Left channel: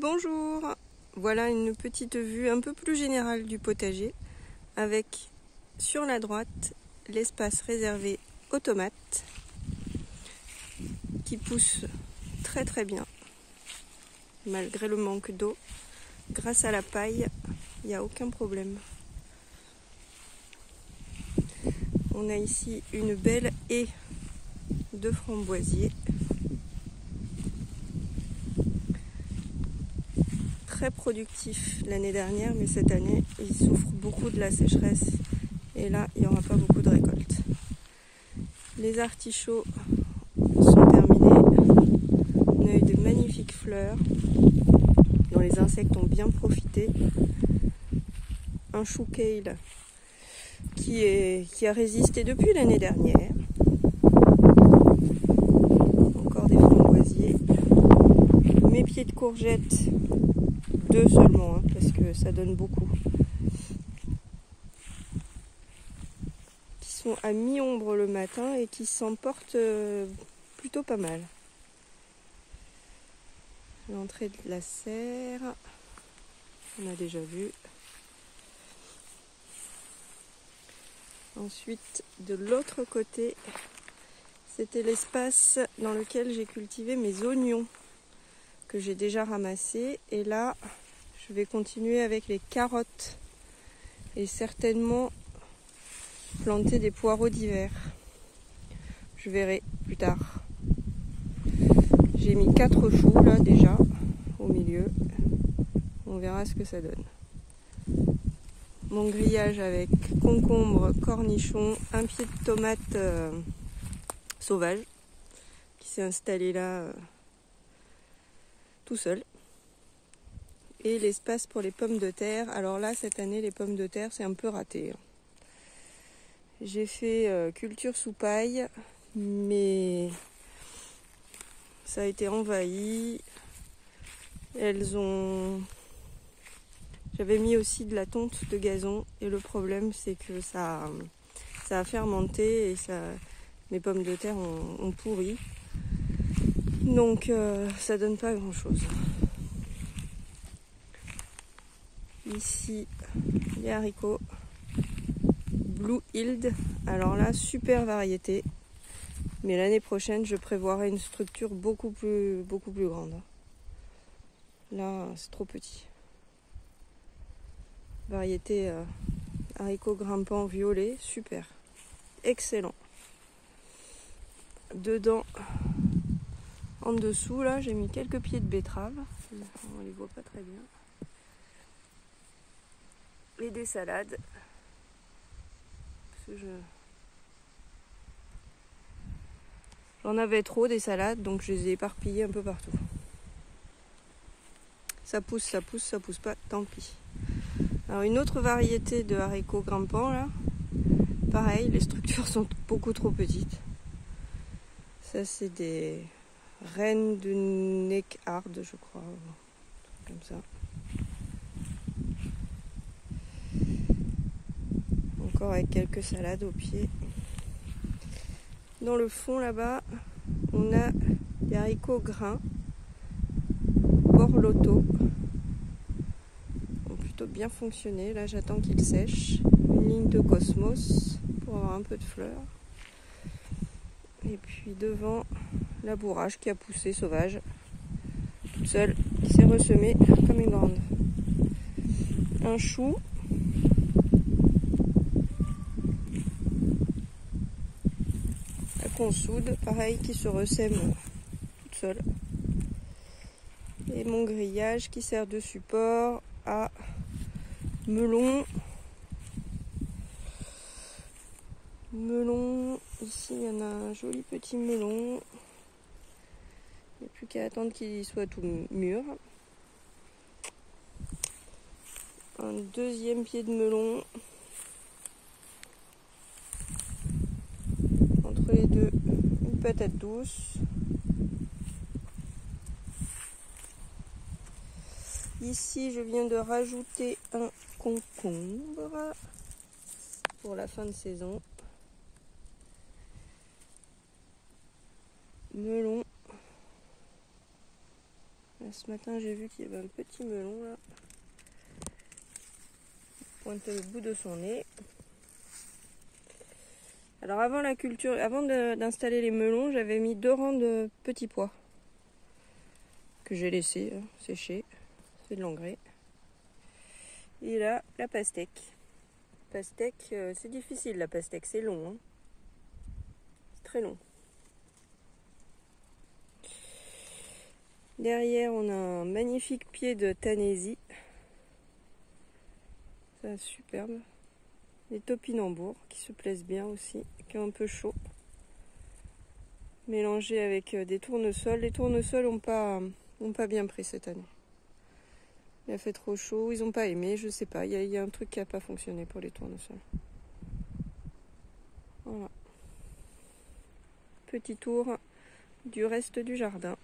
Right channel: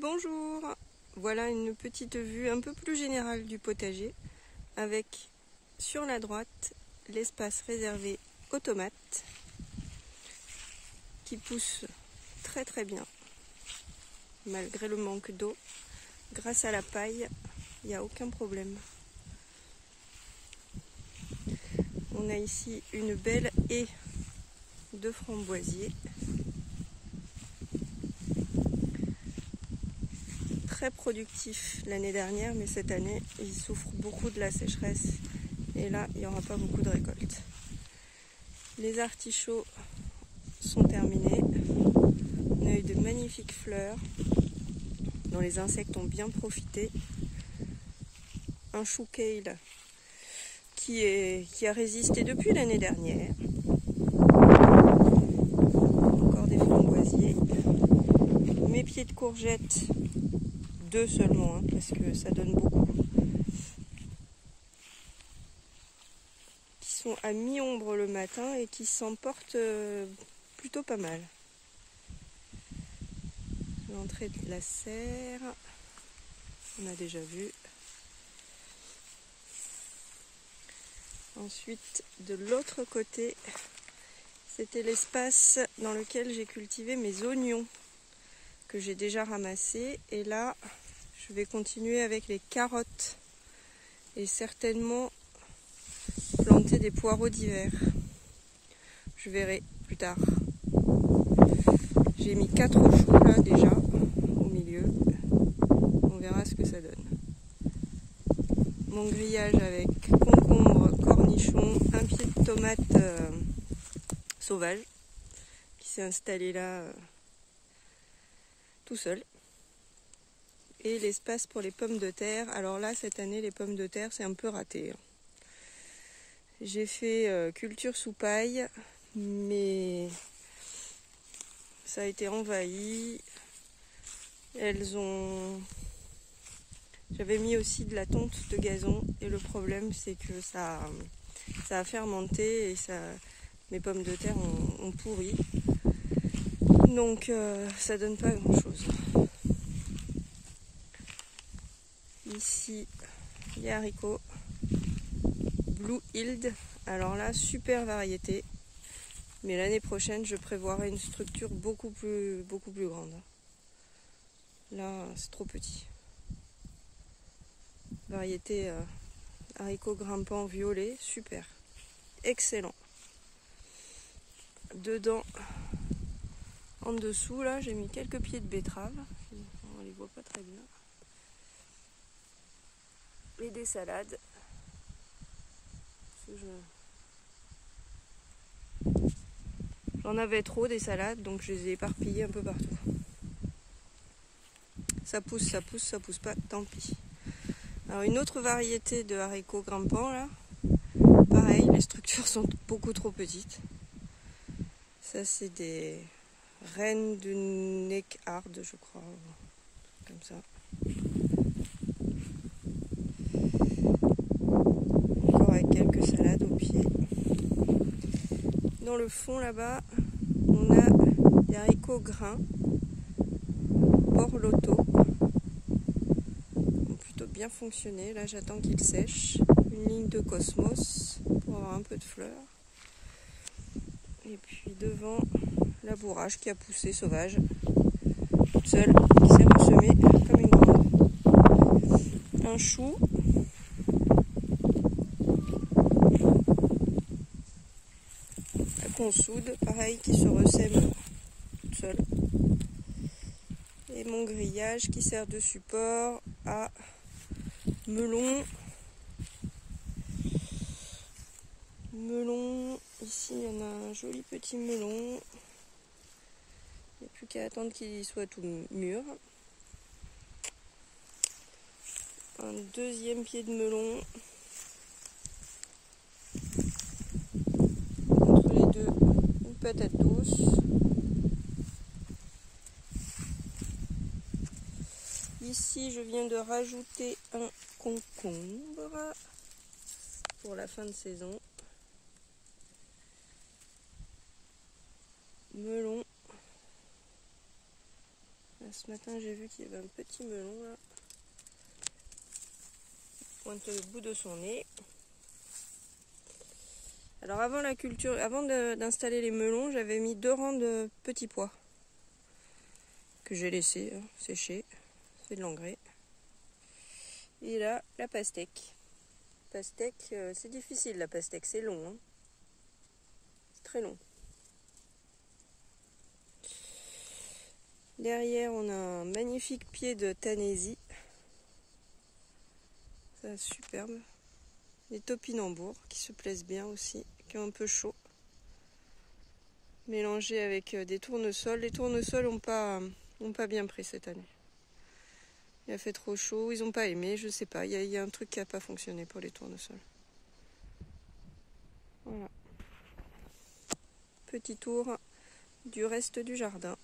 Bonjour, voilà une petite vue un peu plus générale du potager avec sur la droite l'espace réservé aux tomates qui poussent très très bien malgré le manque d'eau. Grâce à la paille, il n'y a aucun problème. On a ici une belle haie de framboisiers. Très productif l'année dernière, mais cette année il souffre beaucoup de la sécheresse et là il n'y aura pas beaucoup de récolte. Les artichauts sont terminés. On a eu de magnifiques fleurs dont les insectes ont bien profité. Un chou kale qui a résisté depuis l'année dernière. Encore des framboisiers. Mes pieds de courgettes, 2 seulement, hein, parce que ça donne beaucoup. Qui sont à mi-ombre le matin et qui s'emportent plutôt pas mal. L'entrée de la serre, on a déjà vu. Ensuite, de l'autre côté, c'était l'espace dans lequel j'ai cultivé mes oignons que j'ai déjà ramassés. Et là, je vais continuer avec les carottes et certainement planter des poireaux d'hiver. Je verrai plus tard. J'ai mis 4 choux là déjà au milieu. On verra ce que ça donne. Mon grillage avec concombre, cornichons, un pied de tomate sauvage qui s'est installé là tout seul. Et l'espace pour les pommes de terre. Alors là, cette année, les pommes de terre, c'est un peu raté. J'ai fait culture sous paille, mais ça a été envahi. J'avais mis aussi de la tonte de gazon et le problème c'est que ça a fermenté et mes pommes de terre ont pourri. Donc ça donne pas grand chose. Ici les haricots Blue Hild. Alors là, super variété. Mais l'année prochaine, je prévoirai une structure beaucoup plus grande. Là, c'est trop petit. Variété haricots grimpants violets, super. Excellent. Dedans, en dessous, là, j'ai mis quelques pieds de betterave. On les voit pas très bien. Et des salades. Parce que j'en avais trop des salades, donc je les ai éparpillées un peu partout. Ça pousse pas, tant pis. Alors une autre variété de haricots grimpants là, pareil, les structures sont beaucoup trop petites. Ça c'est des reines de Neckhard, je crois, comme ça. Encore avec quelques salades au pied. Dans le fond là-bas, on a des haricots grains, Borlotto. Bien fonctionné. Là j'attends qu'il sèche. Une ligne de cosmos pour avoir un peu de fleurs. Et puis devant la bourrage qui a poussé sauvage toute seule, qui s'est ressemée comme une grande. Un chou. La consoude, pareil, qui se ressème toute seule. Et mon grillage qui sert de support à melon, ici il y en a un joli petit melon, il n'y a plus qu'à attendre qu'il soit tout mûr. Un deuxième pied de melon, entre les deux une patate douce. Ici je viens de rajouter un concombre pour la fin de saison. Melon Ce matin j'ai vu qu'il y avait un petit melon là. Il pointe le bout de son nez. Alors avant la culture, avant d'installer les melons, j'avais mis 2 rangs de petits pois que j'ai laissé sécher. C'est de l'engrais. Et là, la pastèque. Pastèque, c'est difficile la pastèque, c'est long. Hein. C'est très long. Derrière, on a un magnifique pied de tanésie. Ça, superbe. Des topinambours qui se plaisent bien aussi, qui ont un peu chaud. Mélangés avec des tournesols. Les tournesols n'ont pas bien pris cette année. Il a fait trop chaud, ils n'ont pas aimé, je sais pas. Il y a un truc qui n'a pas fonctionné pour les tournesols. Voilà. Petit tour du reste du jardin.